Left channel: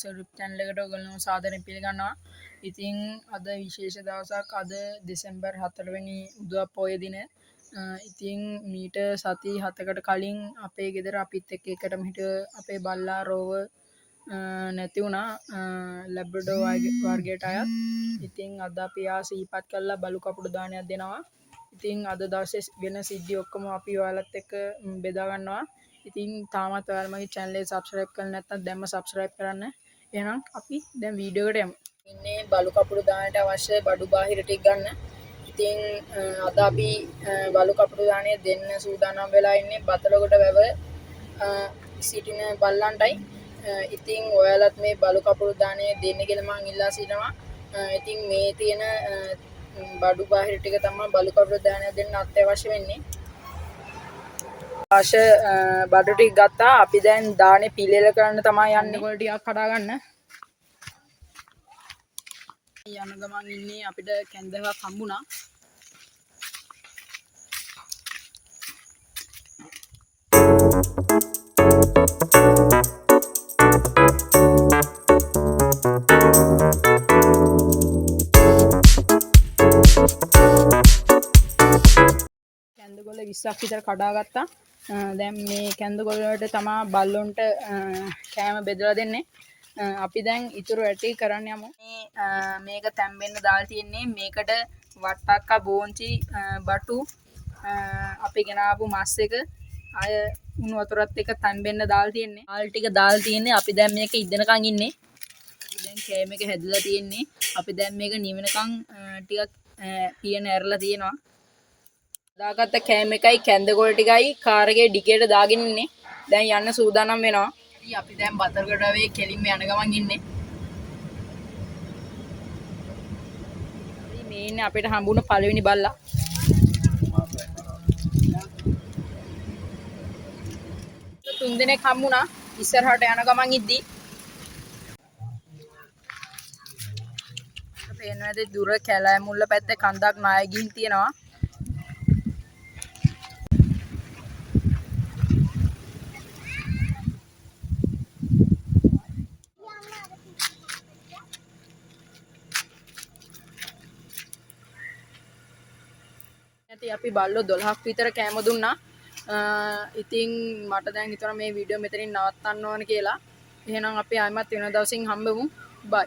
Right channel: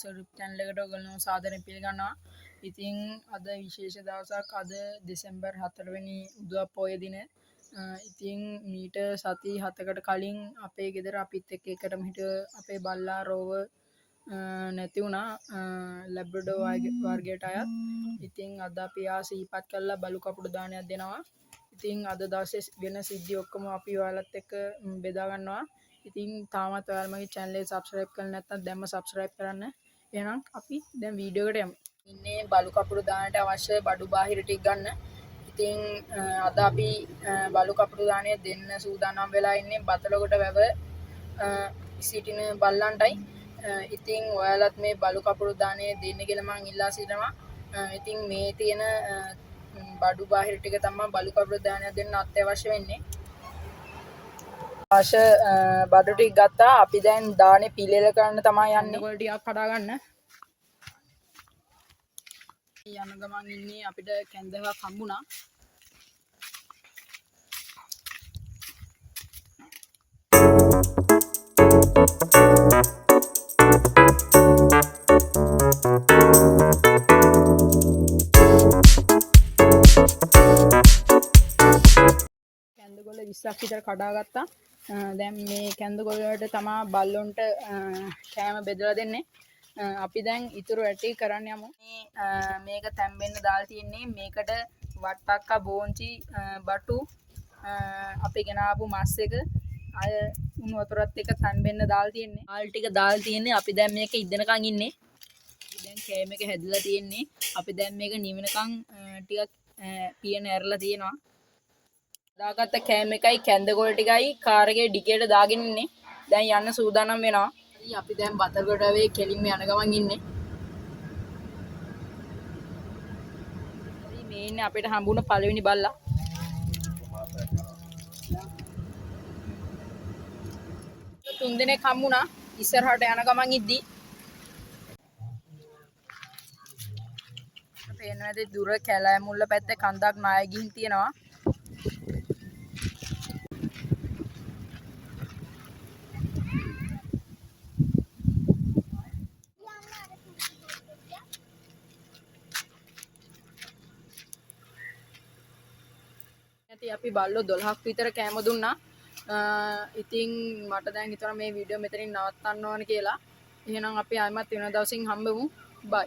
සරුප් channel එකට ඔයගොල්ලෝ සාදරයෙන් පිළිගන්නවා. ඉතින් අද විශේෂ දවසක් අද දෙසැම්බර් 4 වෙනි උදා පොය දින. ඉතින් මීට සති 7කට කලින් අපේ ගෙදර අපිත් එක්ක එකටම හිට අපේ බල්ලා රෝව නැති වුණා ලැබ්‍රඩෝ වර්ගයට අයත්. ඉතින් අද අපි ආ සිහිපත් කළා බලු කපුටු දානයක් දෙනවා. ඉතින් අද දවසේ වෙන සිද්ධි ඔක්කොම අපි ඔයාලත් එක්ක බෙදා ගන්නවා. ඉතින් තාමත් ඔයාලා මගේ channel එක subscribe කරලා නැත්නම් දැන්ම subscribe කරන්න. එහෙනම් අපි දැන් වීඩියෝ එකට යමු. ඉන්නේ බලු කපුටු දාන්නට අවශ්‍ය බඩු බාහිර ටික ගන්න. ඉතින් අද අපි බලු කපුටු දාණය දෙන්න සූදානම් වෙලා ඉන්නේ බතලකොට වැව සිටින බල්ලන්ටයි. ඉතින් ඔයාලත් මේ බලු කපුටු දාණය දෙන්න කියලා මම ඉල්ලා සිටිනවා. ඉතින් මේ තියෙන බඩු බාහිර ටික තමයි බලු කපුටු දාණය දෙන්න අත්‍යවශ්‍ය වෙන්නේ. අවශ්‍ය බඩු ටික ගත්තා. අපි දැන් දානේ පිළියෙල කරන්න තමයි යන්නේ. කොළ ටිකක් කඩා ගන්න. යන ගමන් ඉන්නේ අපිට කැන්දවක් හම්බුණා. කැන්දගොල්ල 20ක් විතර කඩා ගත්තා. දැන් මේ කැන්දගොල්ල වලට තමයි බල්ලොන්ට කෑම බෙදලා දෙන්නේ. අපි දැන් ඉතුරු ඇටි කරන්න යමු. මේක තැම්බෙන්න දාලා තියෙන්නේ. මේකට වට්ටක්කා බෝංචි බටු අපි ගෙනාවු මස් එක අය උණු වතුරත් එක්ක තැම්බෙන්න දාලා තියෙන්නේ. ආල් ටික දාලා තියෙන්නේ. අපි දැන් මේක ඉදෙනකන් ඉන්නේ. දැන් කෑම එක හැදලා තියෙන්නේ. අපි දැන් මේක නිවෙනකන් ටිකක් පියන ඇරලා තියෙනවා. දාගත්ත කෑම එකයි කැන්දගොල්ල ටිකයි කාර් එකේ ඩිකියට දාගෙන ඉන්නේ. දැන් යන්න සූදානම් වෙනවා. අපි දැන් බතරගොඩ වේ කෙලින්ම යන ගමන් ඉන්නේ. මේ ඉන්නේ අපිට හම්බුණ පළවෙනි බල්ලා. තුන් දිනක් හම්බුණා ඉස්සරහට යන ගමන් ඉද්දි. පේනවාද දුර කැලෑ මුල්ල පැත්තේ කන්දක් නාය ගිහින් තියෙනවා. අපි බල්ලෝ 12ක් විතර කෑම දුන්නා. ඉතින් මට දැන් හිතෙනවා මේ වීඩියෝ මෙතනින් නවත්තන්න ඕන කියලා. එහෙනම් අපි ආයෙමත් වෙන දවසින් හම්බෙමු. බයි.